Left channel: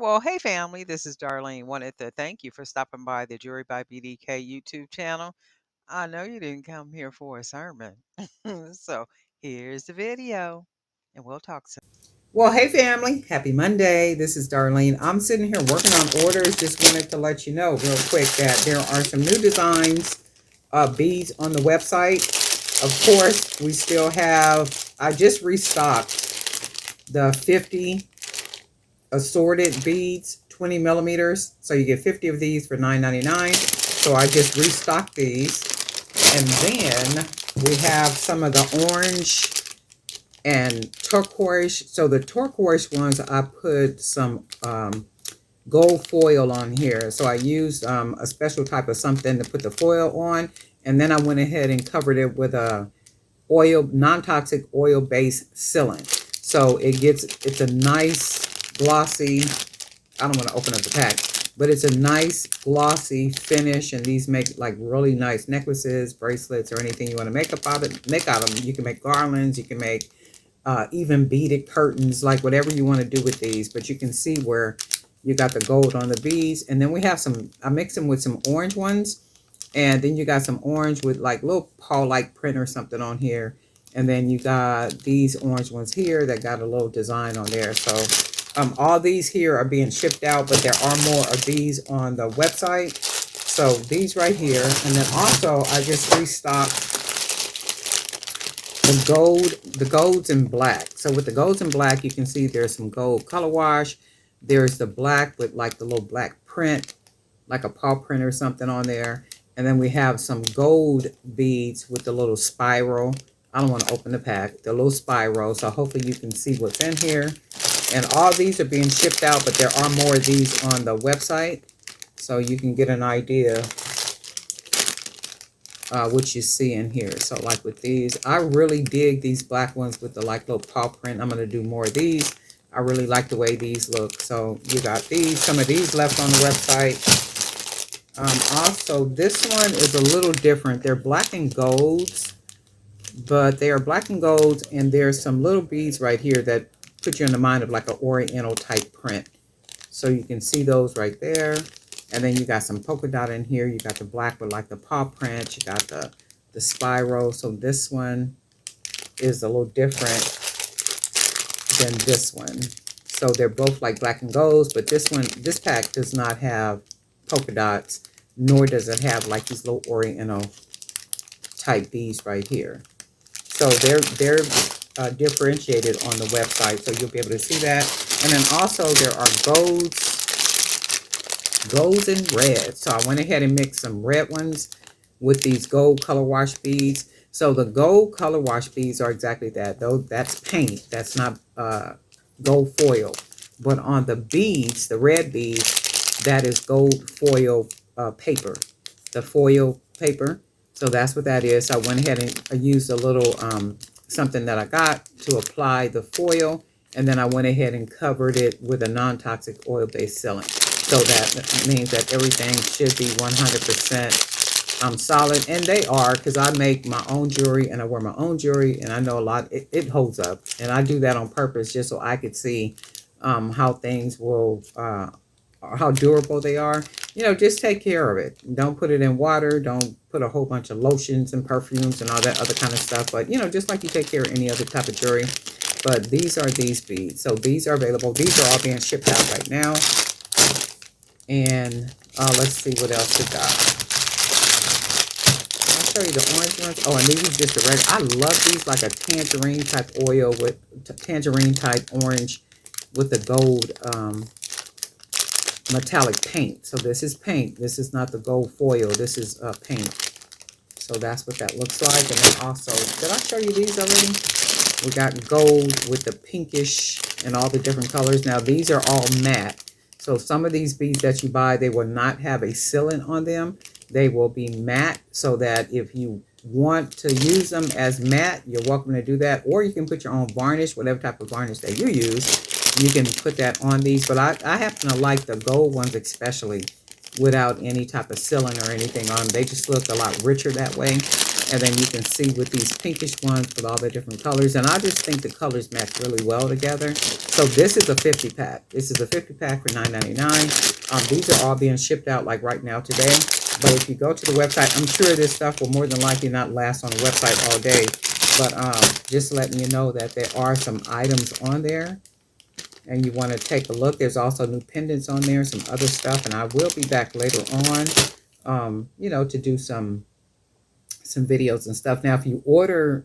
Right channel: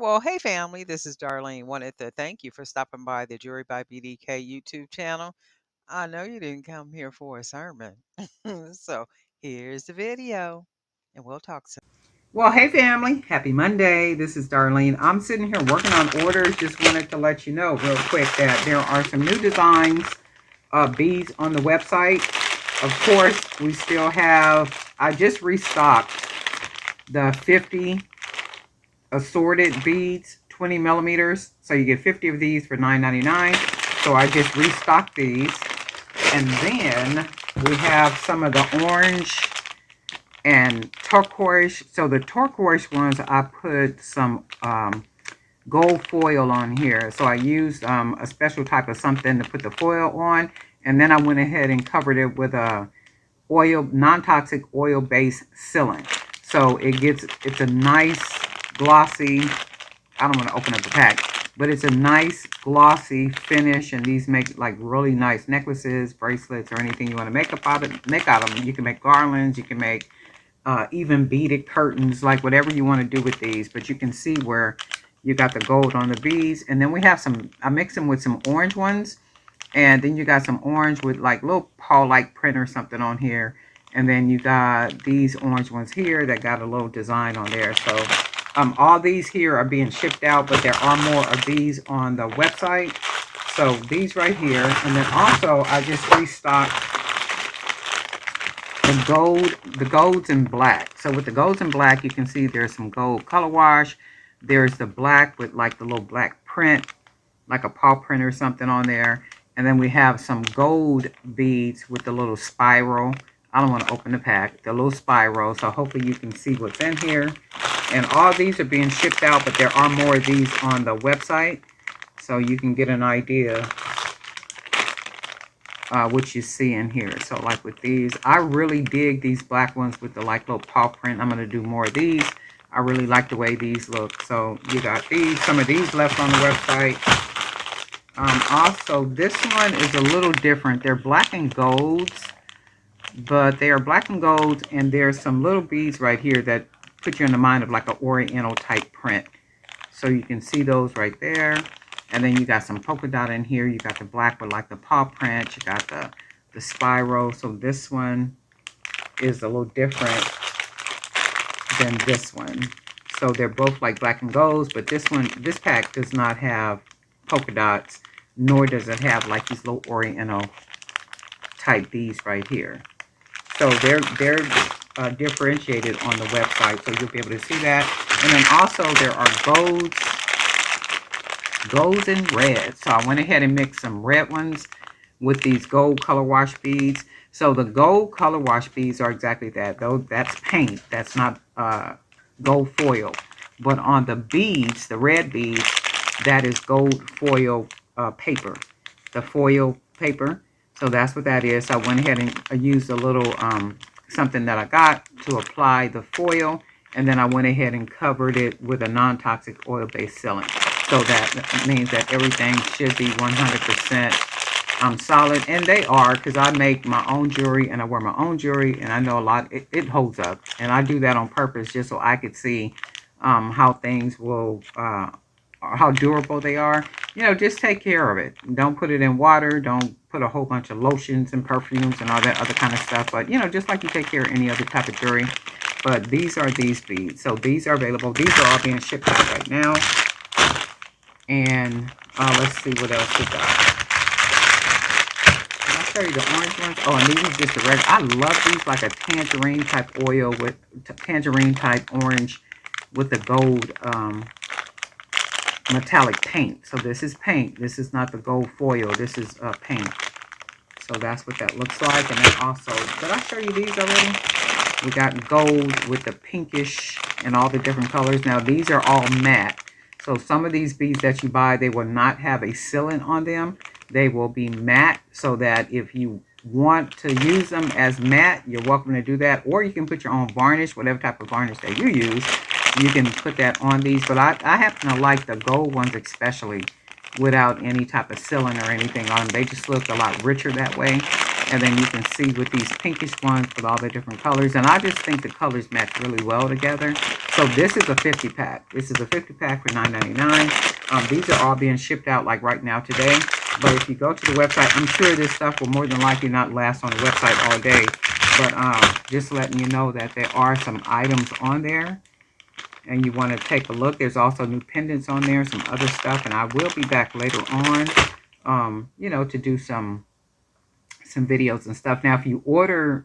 Well, hey family, this is Darlene. Wanted to thank you for stopping by the Jury by BDK YouTube channel. I know you didn't come here for a sermon. So here's the video, and we'll talk soon. Well, hey family, happy Monday. This is Darlene. I'm sitting here working on orders. Just wanted to let you know real quick that there are some new designs of beads on the website. Of course, we still have, I just restocked the 50 assorted beads, 20 millimeters. So you get 50 of these for $9.99. So I just restocked these. And then we have some of the orange and turquoise. So the turquoise ones, I put some gold foil on here. So I used a special type of something to put the foil on. And then I went ahead and covered it with a non-toxic oil-based sealant. So it's a nice glossy, I don't want to open up the pack, but it's a nice glossy finish. And these make like really nice necklaces, bracelets, or anything you want to make out of them. You can make garlands, you can make even beaded curtains, like whatever you want to do with these. But you can see where you got the gold on the beads. And then we have some, I mix them with some orange ones. And then you got some orange with like little paw-like print or something on here. And then you got these orange ones here that got a little design on there. So all these here are being shipped out, but there are more of these on the website. So these right here. And then also I just restocked the golds in black. So with the golds in black, you can see there's some gold color wash. There's the black with like the little black print, like a paw print or something on there. And then we have some gold beads with the little spiral. I don't want to open the pack, the little spiral. So hopefully you can see what's in here. And all these are being shipped out, but there are more of these on the website. So you can get an idea what you see in here. So like with these, I really dig these black ones with the like little paw print. I'm going to do more of these. I really like the way these look. So you got these, some of these left on the website. Also, this one is a little different. They're black and golds, but they are black and golds, and there's some little beads right here that put you in the mind of like an oriental type print. So you can see those right there. And then you got some polka dot in here. You got the black with like the paw print. You got the spiral. So this one is a little different than this one. So they're both like black and golds, but this pack does not have polka dots, nor does it have like these little oriental type beads right here. So they're differentiated on the website, so you'll be able to see that. And then also there are golds and reds. So I went ahead and mixed some red ones with these gold color wash beads. So the gold color wash beads are exactly that. Though that's paint. That's not gold foil. But on the beads, the red beads, that is gold foil paper. The foil paper. So that's what that is. So I went ahead and used a little something that I got to apply the foil. And then I went ahead and covered it with a non-toxic oil-based sealant. So that means that everything should be 100% solid. And they are, because I make my own jewelry and I wear my own jewelry. And I know a lot, it holds up. And I do that on purpose just so I could see how things will, how durable they are. You know, just take care of it. Don't put it in water. Don't put a whole bunch of lotions and perfumes and all that other kind of stuff. But, you know, just like you take care of any other type of jewelry. But these are these beads. So these are available. These are all being shipped out right now. And let's see what else we got. I'll show you the orange ones. Oh, and these are just the red. I love these, like a tangerine type oil with tangerine type orange with the gold metallic paint. So this is paint. This is not the gold foil. This is paint. So that's what that looks like. And then also, did I show you these already? We got gold with the pinkish and all the different colors. Now these are all matte. So some of these beads that you buy, they will not have a sealant on them. They will be matte, so that if you want to use them as matte, you're welcome to do that. Or you can put your own varnish, whatever type of varnish that you use. You can put that on these. But I happen to like the gold ones especially, without any type of sealant or anything on them. They just look a lot richer that way. And then you can see with these pinkish ones with all the different colors. And I just think the colors match really well together. So this is a 50 pack. This is a 50 pack for $9.99. These are all being shipped out like right now today. But if you go to the website, I'm sure this stuff will more than likely not last on the website all day. But just letting you know that there are some items on there and you want to take a look. There's also new pendants on there, some other stuff. And I will be back later on, to do some videos and stuff. Now, if you order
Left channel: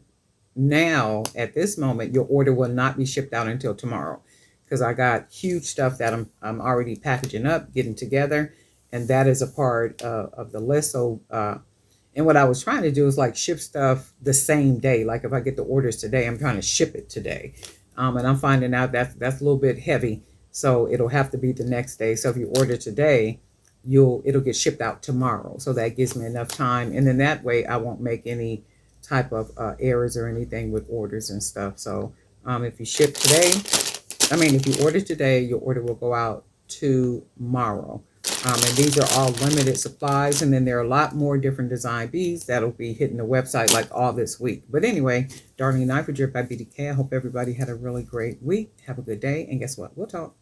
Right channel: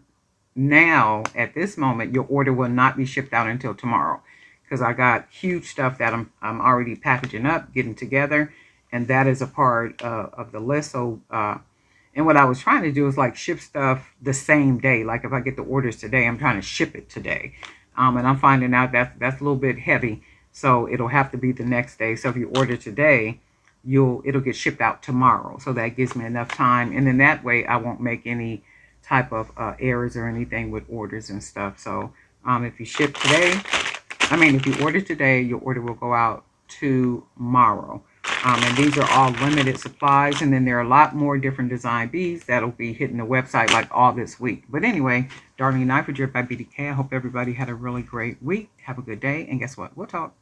now at this moment, your order will not be shipped out until tomorrow because I got huge stuff that I'm already packaging up, getting together, and that is a part of the list. So, and what I was trying to do is like ship stuff the same day. Like if I get the orders today, I'm trying to ship it today, and I'm finding out that that's a little bit heavy, so it'll have to be the next day. So if you order today, it'll get shipped out tomorrow. So that gives me enough time, and then that way I won't make any type of errors or anything with orders and stuff. So if you ship today, if you order today, your order will go out tomorrow. And these are all limited supplies. And then there are a lot more different design beads that'll be hitting the website like all this week. But anyway, Darlene Knife by BDK. I hope everybody had a really great week. Have a good day. And guess what? We'll talk.